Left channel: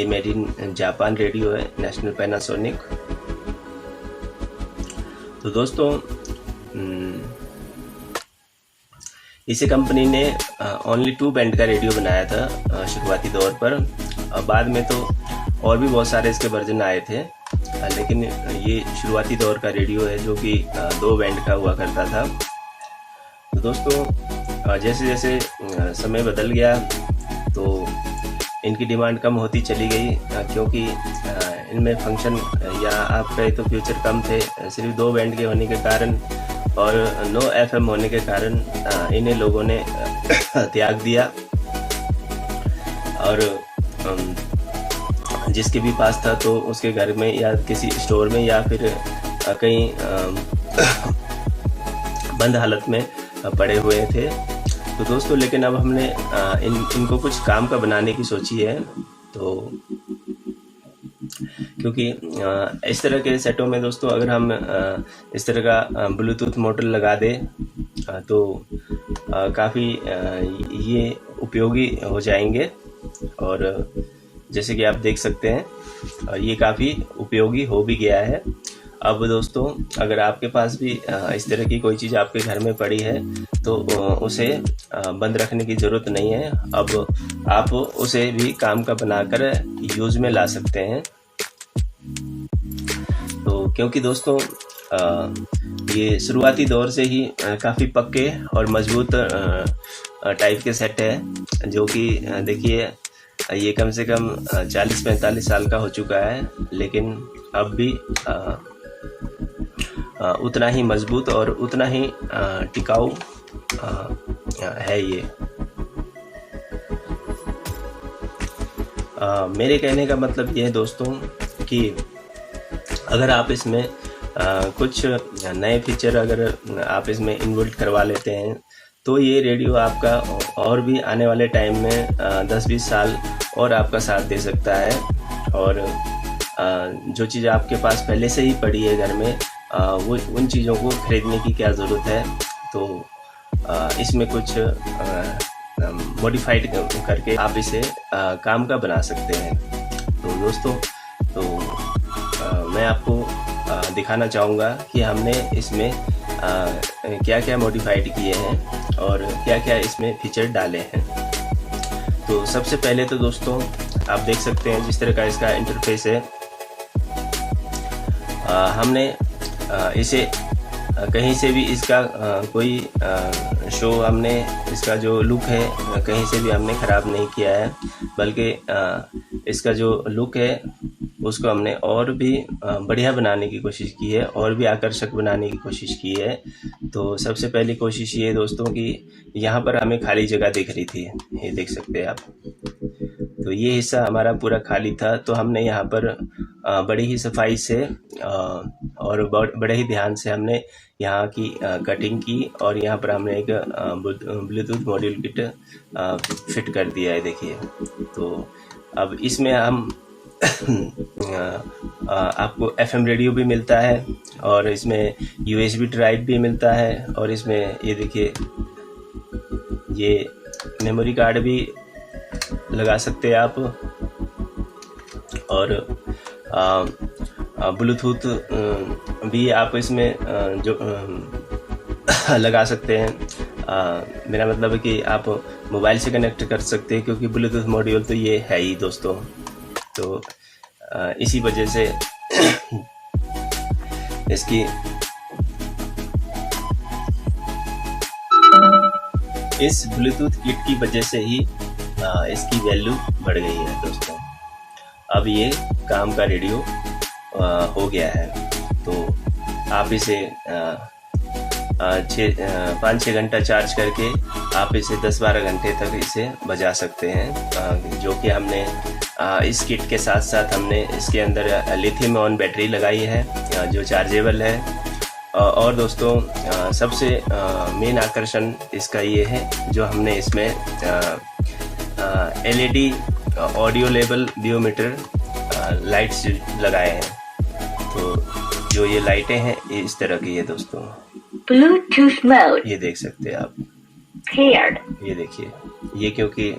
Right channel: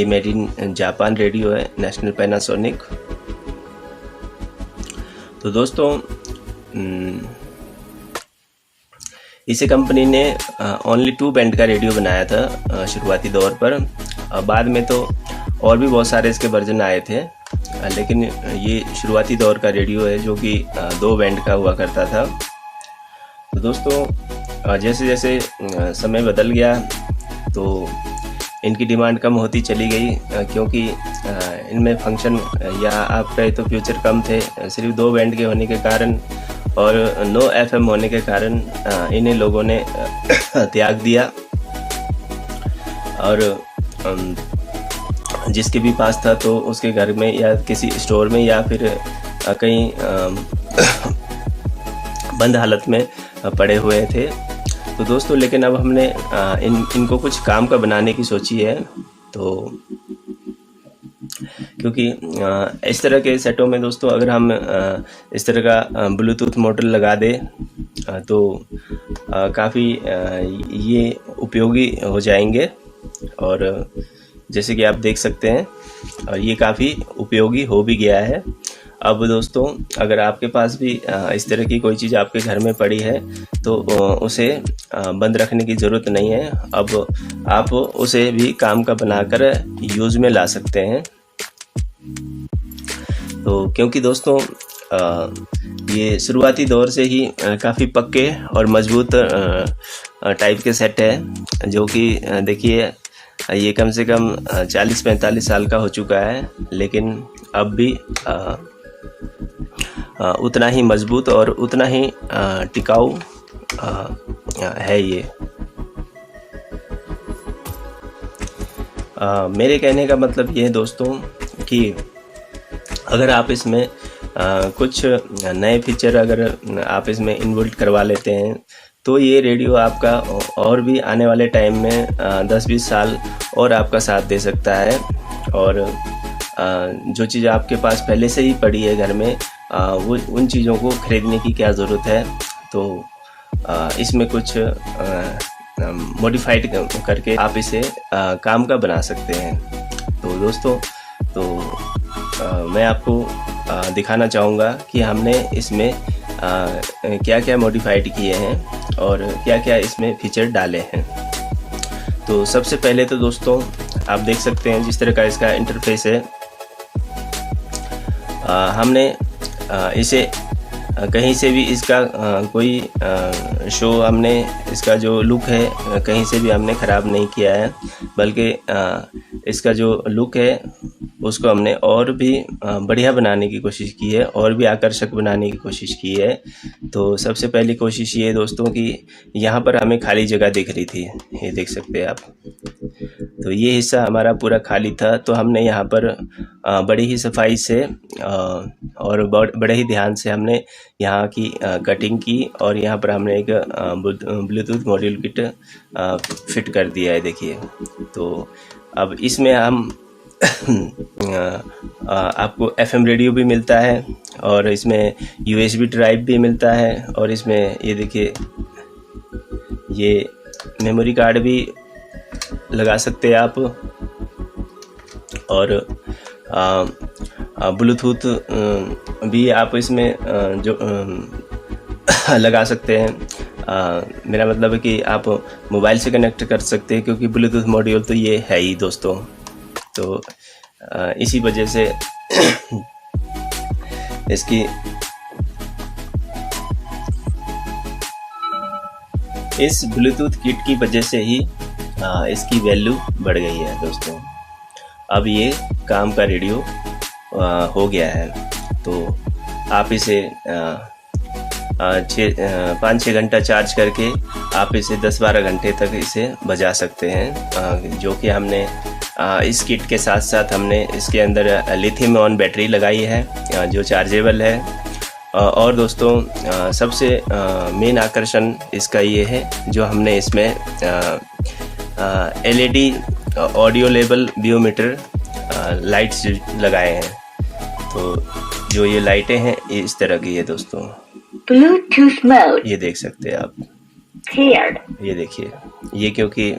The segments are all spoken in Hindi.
ये मेड इन जापान रेडियो है, नेशनल पैनासोनिक। तो दोस्तों इसी कंपनी ने ओनली 2 बैंड का रेडियो बनाया था शुरुआती दौर पर। बाद में तो और भी बहुत सारे इसके वर्जन आए थे, लेकिन ये शुरुआती दौर का रेडियो है जो कि 2 बैंड का हुआ करता था। तो दोस्तों जैसे जैसे समय बदल गया तो इनकी डिमांड कम होती चली गई, क्योंकि इनमें फंक्शन या आप कहे तो फ्यूचर कम थे। सिर्फ 2 बैंड के होने के कारण और नो एफएम होने के कारण इन्हें लोगों ने त्याग दिया, और जिसके भी पास था तो उसके घर में या किसी स्टोर में या फिर कहीं बंद हालत में पड़े हुए थे। तो दोस्तों लेकिन अब हमने इनको कुछ काम का बनाने की सोची है। तो क्योंकि इस तरह के सेटों में दोस्तों अगर हम इस तरह का ब्लूटूथ मॉडल लगा दें तो काफ़ी ये उपयोगी हो जाएंगे, और जैसे कि आप देख सकते हैं ये काफ़ी उपयोगी हो भी गया है। अब दोस्तों अगर आपके पास भी इस तरह की कोई चीज़ आपके घर में पड़ी है तो उसे बंद रखने की ज़रूरत नहीं है। अब आप उसे भी काम का बनाकर यूज़ में ला सकते हैं। तो क्योंकि दोस्तों ये शुरुआती दौर से ही काफ़ी पक्के और मजबूत टाइप के सेट है, जो कि देखिए ये कम से कम 40-45 साल का हो चुका है, लेकिन अब भी उतना ही मजबूत और उतना ही टिकाऊ है ये। मेरे कहने का मतलब ये है दोस्तों कि अगर आप इसमें कुछ नए फीचर अगर आप इसमें इन्वोल्व करवा लेते हैं तो ये रेडियो आपका और भी आने वाले टाइम में 10-20 साल और आपका साथ दे सकता है। और जो चीज़ आपके पास पहले से ही पड़ी है घर में, वो उन चीज़ों को खरीदने की क्या ज़रूरत है। तो इसमें कुछ मॉडिफाइड करके आप इसे काम का बना सकते हैं। तो दोस्तों मैं आपको दिखाना चाहूँगा कि हमने इसमें क्या क्या मॉडिफाइड किए हैं और क्या क्या इसमें फीचर डाले हैं। तो सबसे पहले तो दोस्तों आप देख सकते हैं जिस तरह का इसका इंटरफेस है। हमने इसे कहीं से भी इसका कोई शो हमने इसका जो लुक है कहीं से भी हमने ख़राब नहीं किया है, बल्कि इसका जो लुक है उसको हमने और भी बढ़िया बनाने की कोशिश की है और भी आकर्षक बनाने की कोशिश की है। तो सबसे पहली कोशिश ये है दोस्तों कि यहाँ पर हमें खाली जगह दिख रही थी, ये देख सकते हैं आप। तो ये हिस्सा हमारा पूरा खाली था, तो हमने यहाँ पर बड़ी ही सफाई से और बड़े ही ध्यान से हमने यहाँ की कटिंग की और यहाँ पर हमने एक ब्लूटूथ मॉड्यूल किट फिट कर दिया है, देखिए। तो अब इसमें हम आपको एफएम रेडियो भी मिलता है और इसमें यूएसबी ड्राइव भी मिलता है, और इसमें ये देखिए ये मेमोरी कार्ड भी लगा सकते हैं आप, और ब्लूटूथ भी आप इसमें जो लगा सकते हैं। मेरा मतलब है कि आप मोबाइल से कनेक्ट कर सकते हैं, क्योंकि ब्लूटूथ मॉड्यूल तो ये है ही दोस्तों। तो इसी वजह से इसकी इस ब्लूटूथ किट की वजह से ही इसकी वैल्यू बढ़ गई है दोस्तों। अब ये काम का रेडियो हो गया है। तो आप इसे 5-6 घंटा चार्ज करके आप इसे 10-12 घंटे तक इसे बजा सकते हैं, जो कि हमने इस किट के साथ साथ हमने इसके अंदर लिथियम ऑन बैटरी लगाई है जो चार्जेबल है। और दोस्तों सबसे मेन आकर्षण इसका ये है जो हमने इसमें एलईडी ऑडियो लेवल बियोमीटर लाइट्स लगाए हैं। तो जो ये लाइटें हैं ये इस तरह की है दोस्तों। ब्लूटूथ मोड, ये देख सकते हैं आप, पेयर्ड। ये देखिए, ये क्योंकि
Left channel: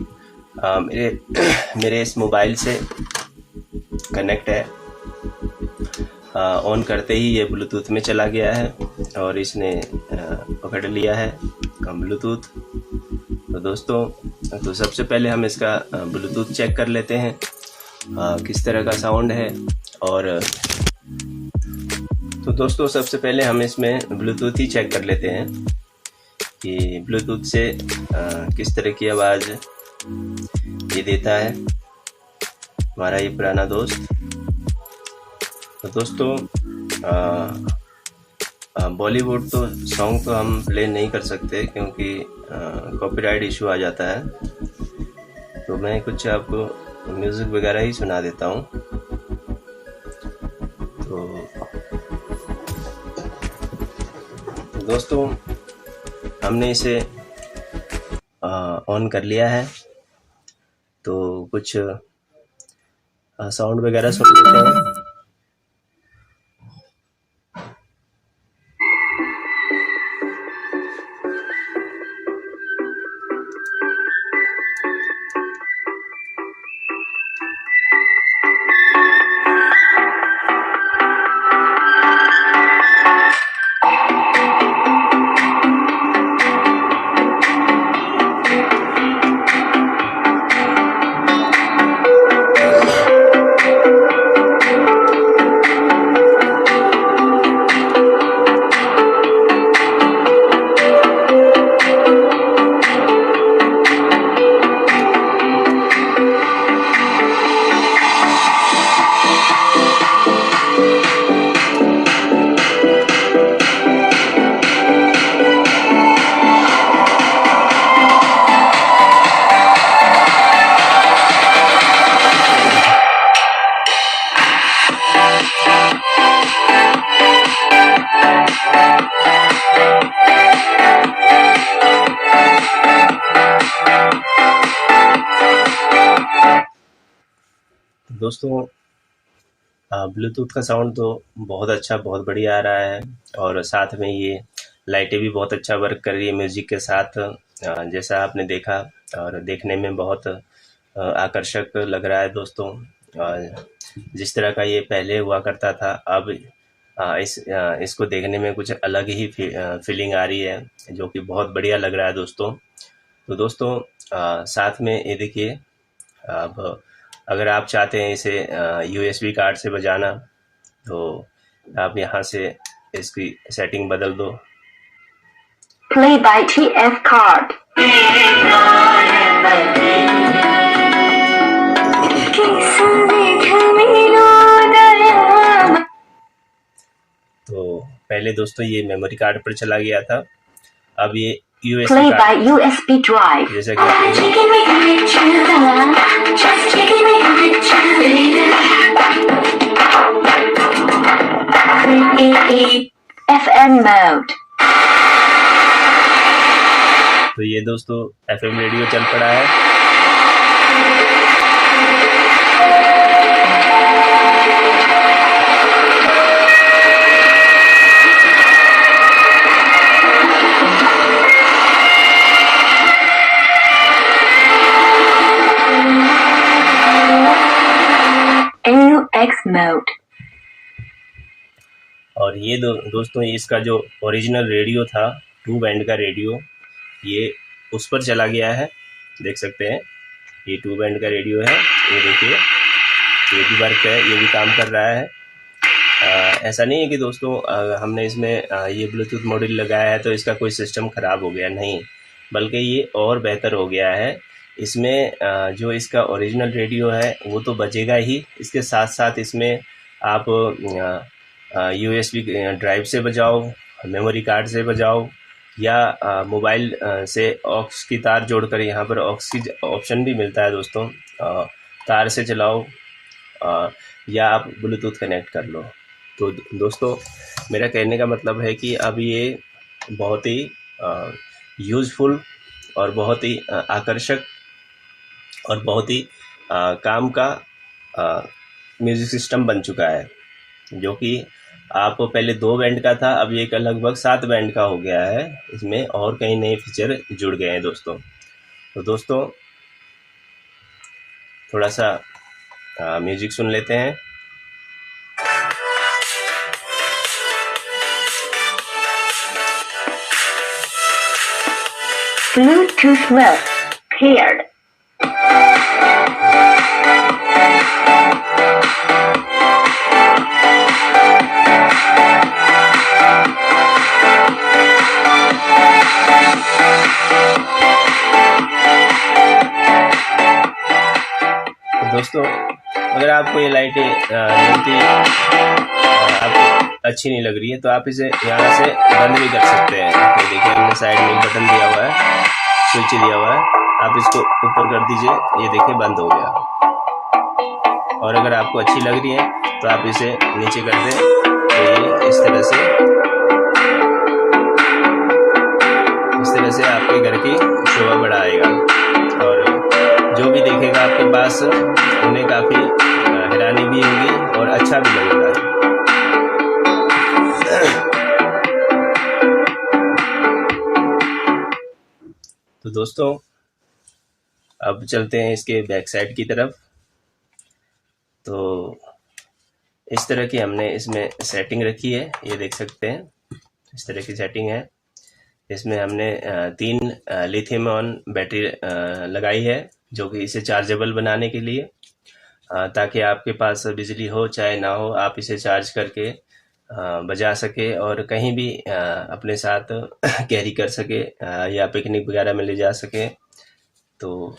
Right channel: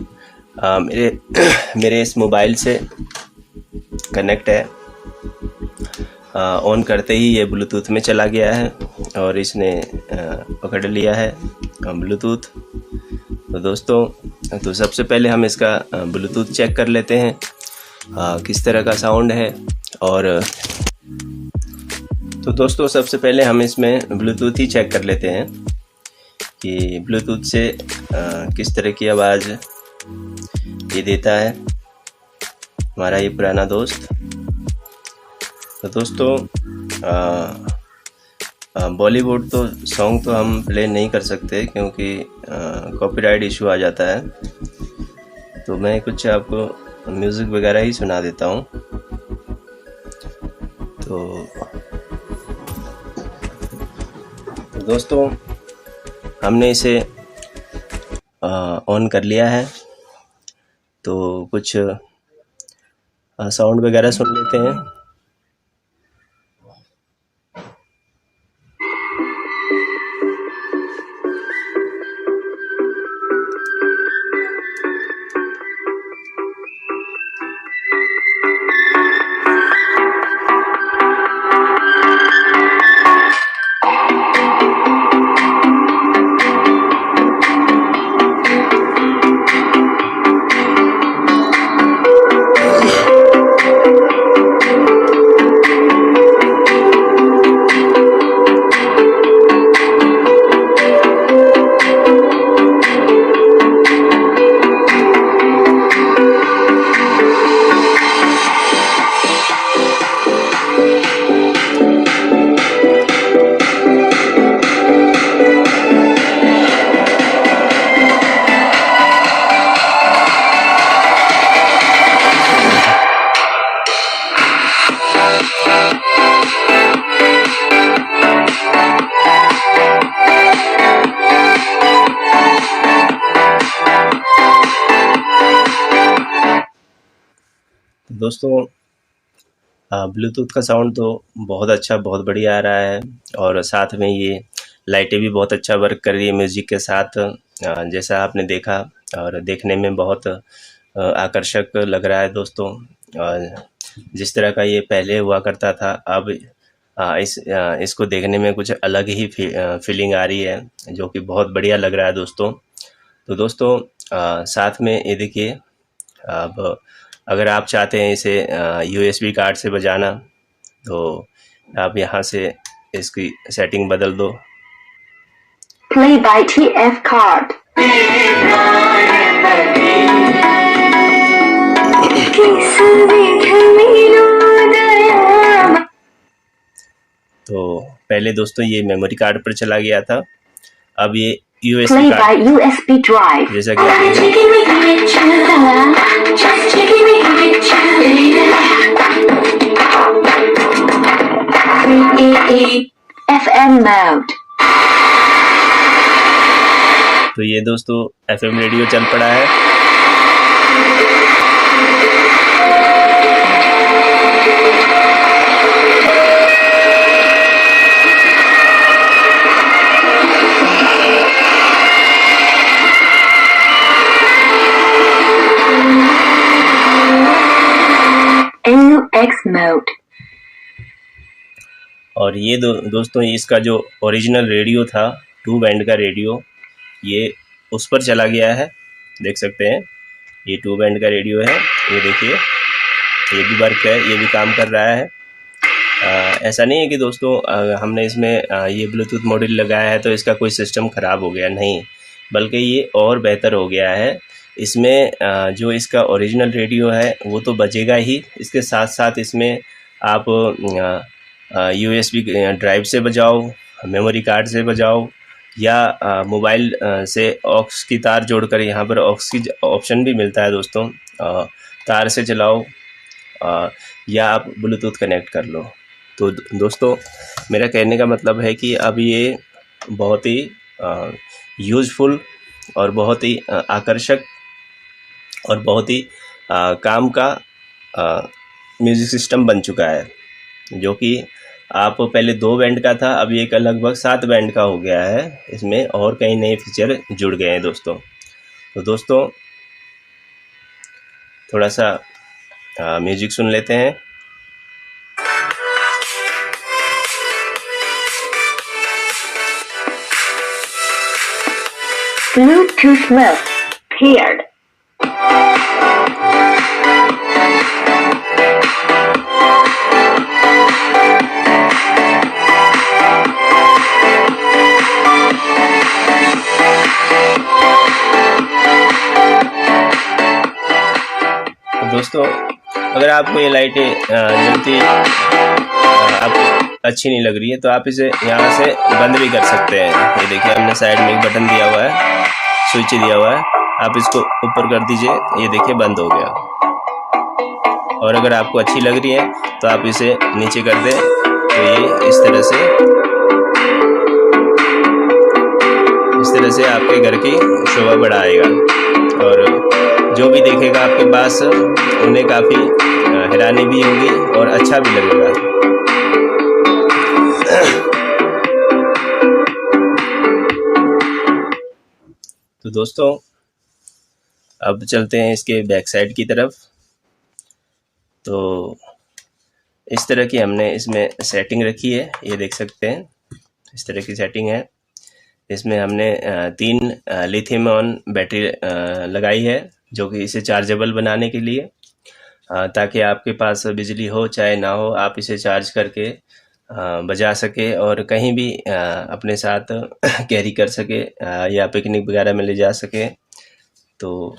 मेरे इस मोबाइल से कनेक्ट है। ऑन करते ही ये ब्लूटूथ में चला गया है और इसने पकड़ लिया है ब्लूटूथ। तो दोस्तों, तो सबसे पहले हम इसका ब्लूटूथ चेक कर लेते हैं किस तरह का साउंड है। और तो दोस्तों, सबसे पहले हम इसमें ब्लूटूथ ही चेक कर लेते हैं कि ब्लूटूथ से किस तरह की आवाज़ ये देता है हमारा ये पुराना दोस्त। तो दोस्तों, बॉलीवुड तो सॉन्ग तो हम प्ले नहीं कर सकते क्योंकि कॉपीराइट इशू आ जाता है। तो मैं कुछ आपको म्यूज़िक वगैरह ही सुना देता हूँ। तो दोस्तों, हमने इसे ऑन कर लिया है, तो कुछ साउंड वगैरह सुन लेते हैं। दोस्तों, ब्लूटूथ का साउंड तो बहुत अच्छा, बहुत बढ़िया आ रहा है और साथ में ये लाइटें भी बहुत अच्छा वर्क कर रही है म्यूज़िक के साथ, जैसा आपने देखा। और देखने में बहुत आकर्षक लग रहा है दोस्तों। और जिस तरह का ये पहले हुआ करता था, अब इसको देखने में कुछ अलग ही फीलिंग आ रही है, जो कि बहुत बढ़िया लग रहा है दोस्तों। तो दोस्तों, साथ में ये देखिए, अब अगर आप चाहते हैं इसे USB कार्ड से बजाना, तो आप यहाँ से इसकी सेटिंग बदल दो। Play by TF card. तो पहले दोस्तों ये मेमोरी कार्ड पर चला गया था, अब ये USB Play by card, USB drive. जैसा कि FM mode. तो ये दोस्तों FM रेडियो चल पड़ा है। NUX mode. और ये दोस्तों, इसका जो ओरिजिनल रेडियो था, 2 बैंड का रेडियो, ये उस पर चला गया है। देख सकते हैं, ये 2 बैंड का रेडियो है। ये देखिए, ये भी वर्क है, ये भी काम कर रहा है। ऐसा नहीं है कि दोस्तों हमने इसमें ये ब्लूटूथ मॉड्यूल लगाया है तो इसका कोई सिस्टम ख़राब हो गया, नहीं, बल्कि ये और बेहतर हो गया है। इसमें जो इसका ओरिजिनल रेडियो है वो तो बजेगा ही, इसके साथ साथ इसमें आप USB ड्राइव से बजाओ, मेमोरी कार्ड से बजाओ, या मोबाइल से ऑक्स की तार जोड़कर, यहाँ पर ऑक्स की ऑप्शन भी मिलता है दोस्तों, तार से चलाओ, या आप ब्लूटूथ कनेक्ट कर लो। तो दोस्तों, मेरा कहने का मतलब है कि अब ये बहुत ही यूज़फुल और बहुत ही आकर्षक और बहुत ही काम का म्यूज़िक सिस्टम बन चुका है, जो कि आप पहले 2 बैंड का था, अब ये लगभग 7 बैंड का हो गया है। इसमें और कई नए फीचर जुड़ गए हैं दोस्तों। तो दोस्तों, थोड़ा सा म्यूज़िक सुन लेते हैं। Bluetooth mode paired. दोस्तों, अगर आपको ये लाइटें जलती आपको अच्छी नहीं लग रही है तो आप इसे यहाँ से बंद भी कर सकते हैं। ये देखिए, हमने साइड में एक बटन दिया हुआ है, स्विच दिया हुआ है, आप इसको ऊपर कर दीजिए, ये देखिए बंद हो गया। और अगर आपको अच्छी लग रही है तो आप इसे नीचे कर दें तो ये इस तरह से आपके घर की शोभा बढ़ाएगा और जो भी देखेगा आपके पास उन्हें काफ़ी हैरानी भी होगी और अच्छा भी लगेगा। तो दोस्तों, अब चलते हैं इसके बैक साइड की तरफ। तो इस तरह की हमने इसमें सेटिंग रखी है, ये देख सकते हैं, इस तरह की सेटिंग है। इसमें हमने 3 लिथियम आयन बैटरी लगाई है जो कि इसे चार्जेबल बनाने के लिए, ताकि आपके पास बिजली हो चाहे ना हो, आप इसे चार्ज करके बजा सके और कहीं भी अपने साथ कैरी कर सके या पिकनिक वगैरह में ले जा सके। तो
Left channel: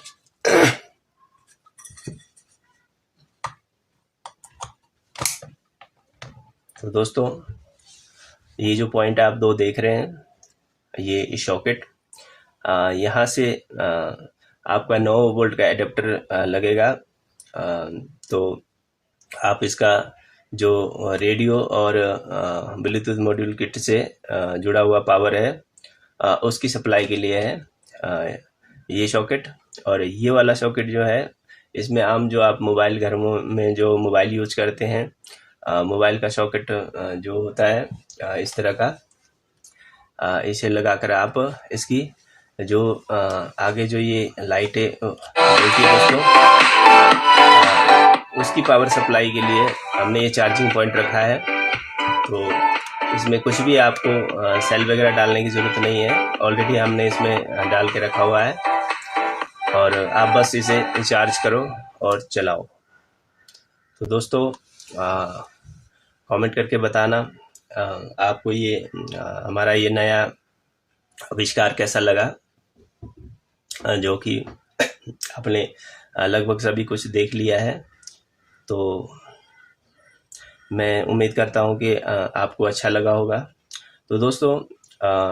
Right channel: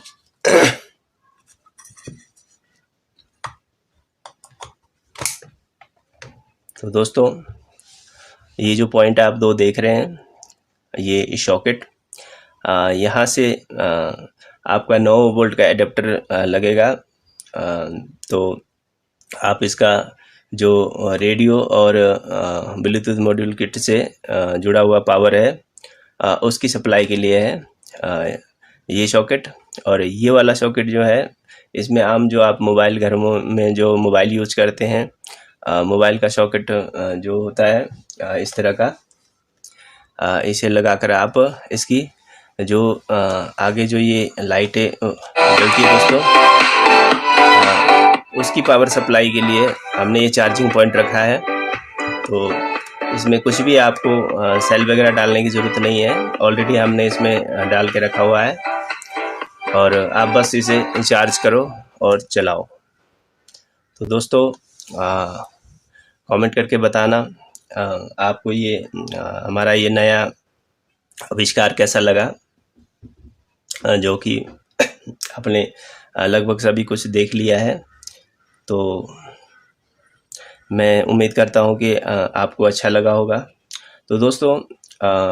दोस्तों, ये जो पॉइंट आप 2 देख रहे हैं, ये सॉकेट, यहाँ से आपका 9 वोल्ट का एडाप्टर लगेगा। तो आप इसका जो रेडियो और ब्लूटूथ मॉड्यूल किट से जुड़ा हुआ पावर है उसकी सप्लाई के लिए है ये सॉकेट। और ये वाला सॉकेट जो है, इसमें आम जो आप मोबाइल घरों में जो मोबाइल यूज करते हैं, मोबाइल का सॉकेट जो होता है इस तरह का, इसे लगाकर आप इसकी जो आगे जो ये लाइटें जलती है दोस्तों, उसकी पावर सप्लाई के लिए हमने ये चार्जिंग पॉइंट रखा है। तो इसमें कुछ भी आपको सेल वगैरह डालने की ज़रूरत नहीं है, ऑलरेडी हमने इसमें डाल के रखा हुआ है और आप बस इसे चार्ज करो और चलाओ। तो दोस्तों, कमेंट करके बताना आपको ये हमारा ये नया आविष्कार कैसा लगा, जो कि आपने लगभग सभी कुछ देख लिया है। तो मैं उम्मीद करता हूँ कि आपको अच्छा लगा होगा। तो दोस्तों,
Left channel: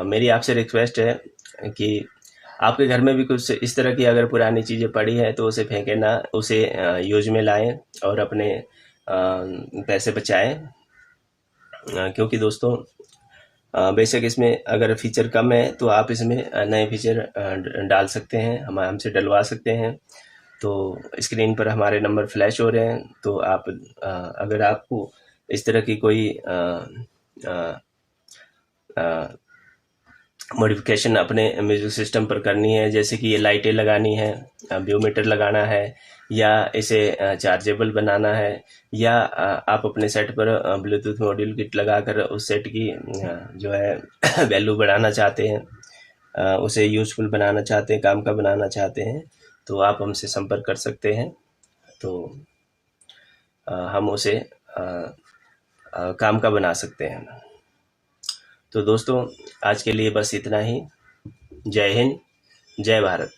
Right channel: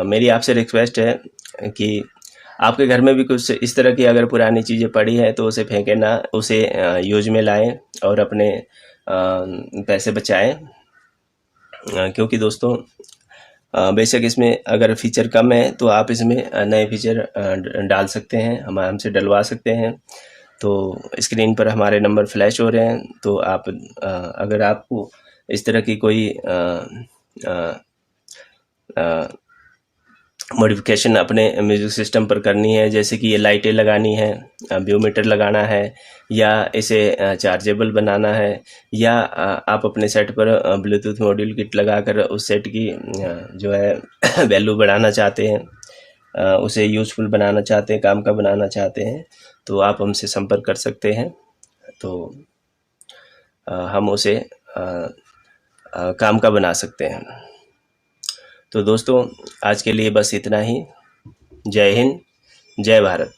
मेरी आपसे रिक्वेस्ट है कि आपके घर में भी कुछ इस तरह की अगर पुरानी चीज़ें पड़ी है तो उसे फेंकें ना, उसे यूज में लाएं और अपने पैसे बचाएं। क्योंकि दोस्तों, बेशक इसमें अगर फीचर कम है तो आप इसमें नए फीचर डाल सकते हैं, हम हमसे डलवा सकते हैं। तो स्क्रीन पर हमारे नंबर फ्लैश हो रहे हैं, तो आप अगर आपको इस तरह की कोई मॉडिफिकेशन अपने म्यूज़िक सिस्टम पर करनी है, जैसे कि ये लाइटें लगानी है, बायोमीटर लगाना है, या इसे चार्जेबल बनाना है, या आप अपने सेट पर ब्लूटूथ मॉड्यूल किट लगाकर उस सेट की जो है वैल्यू बढ़ाना चाहते हैं, उसे यूज़फुल बनाना चाहते हैं, काम का बनाना चाहते हैं, तो आप हमसे संपर्क कर सकते हैं। तो हम उसे काम का बना सकते हैं। तो दोस्तों, आज के लिए बस इतना ही। जय हिंद, जय Bharat.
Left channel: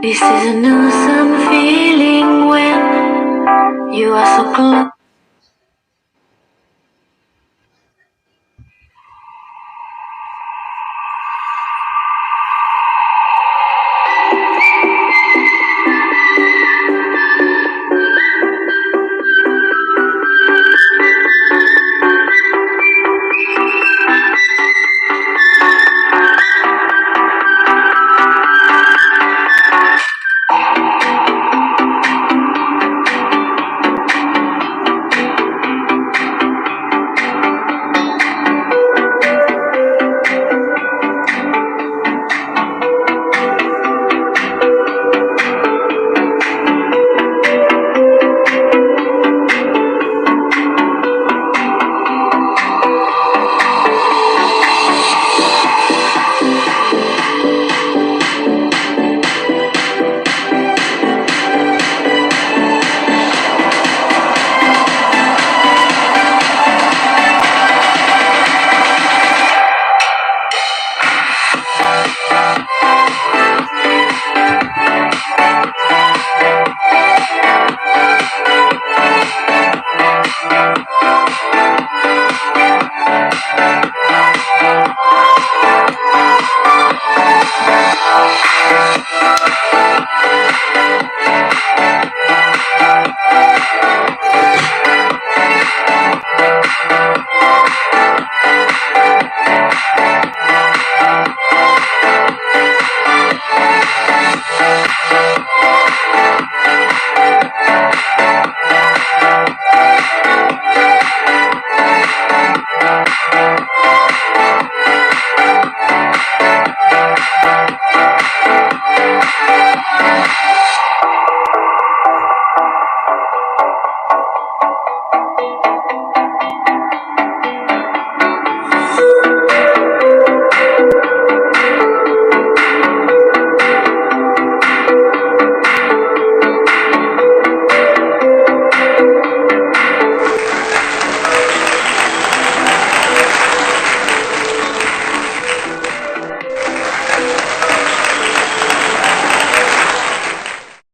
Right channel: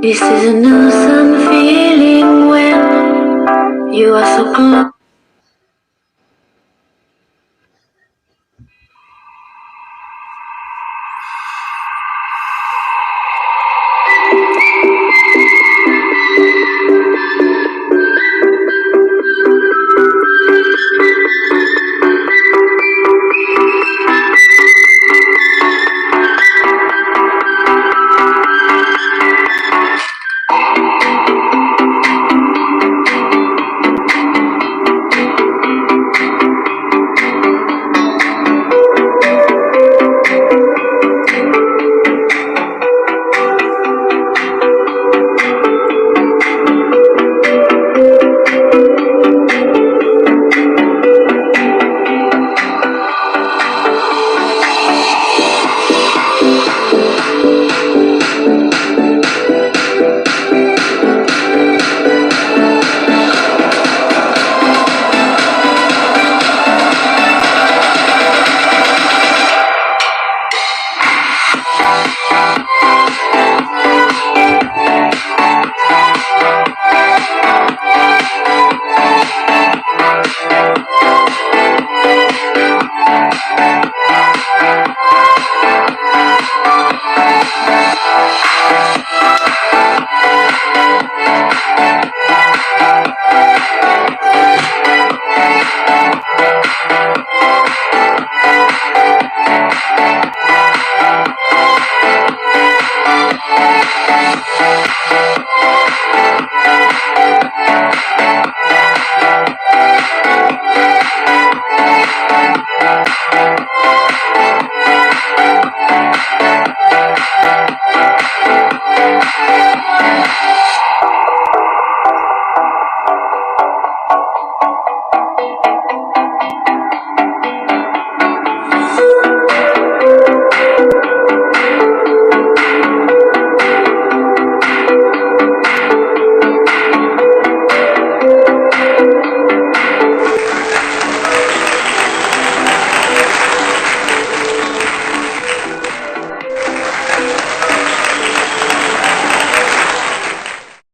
This is an awesome feeling when you are so close.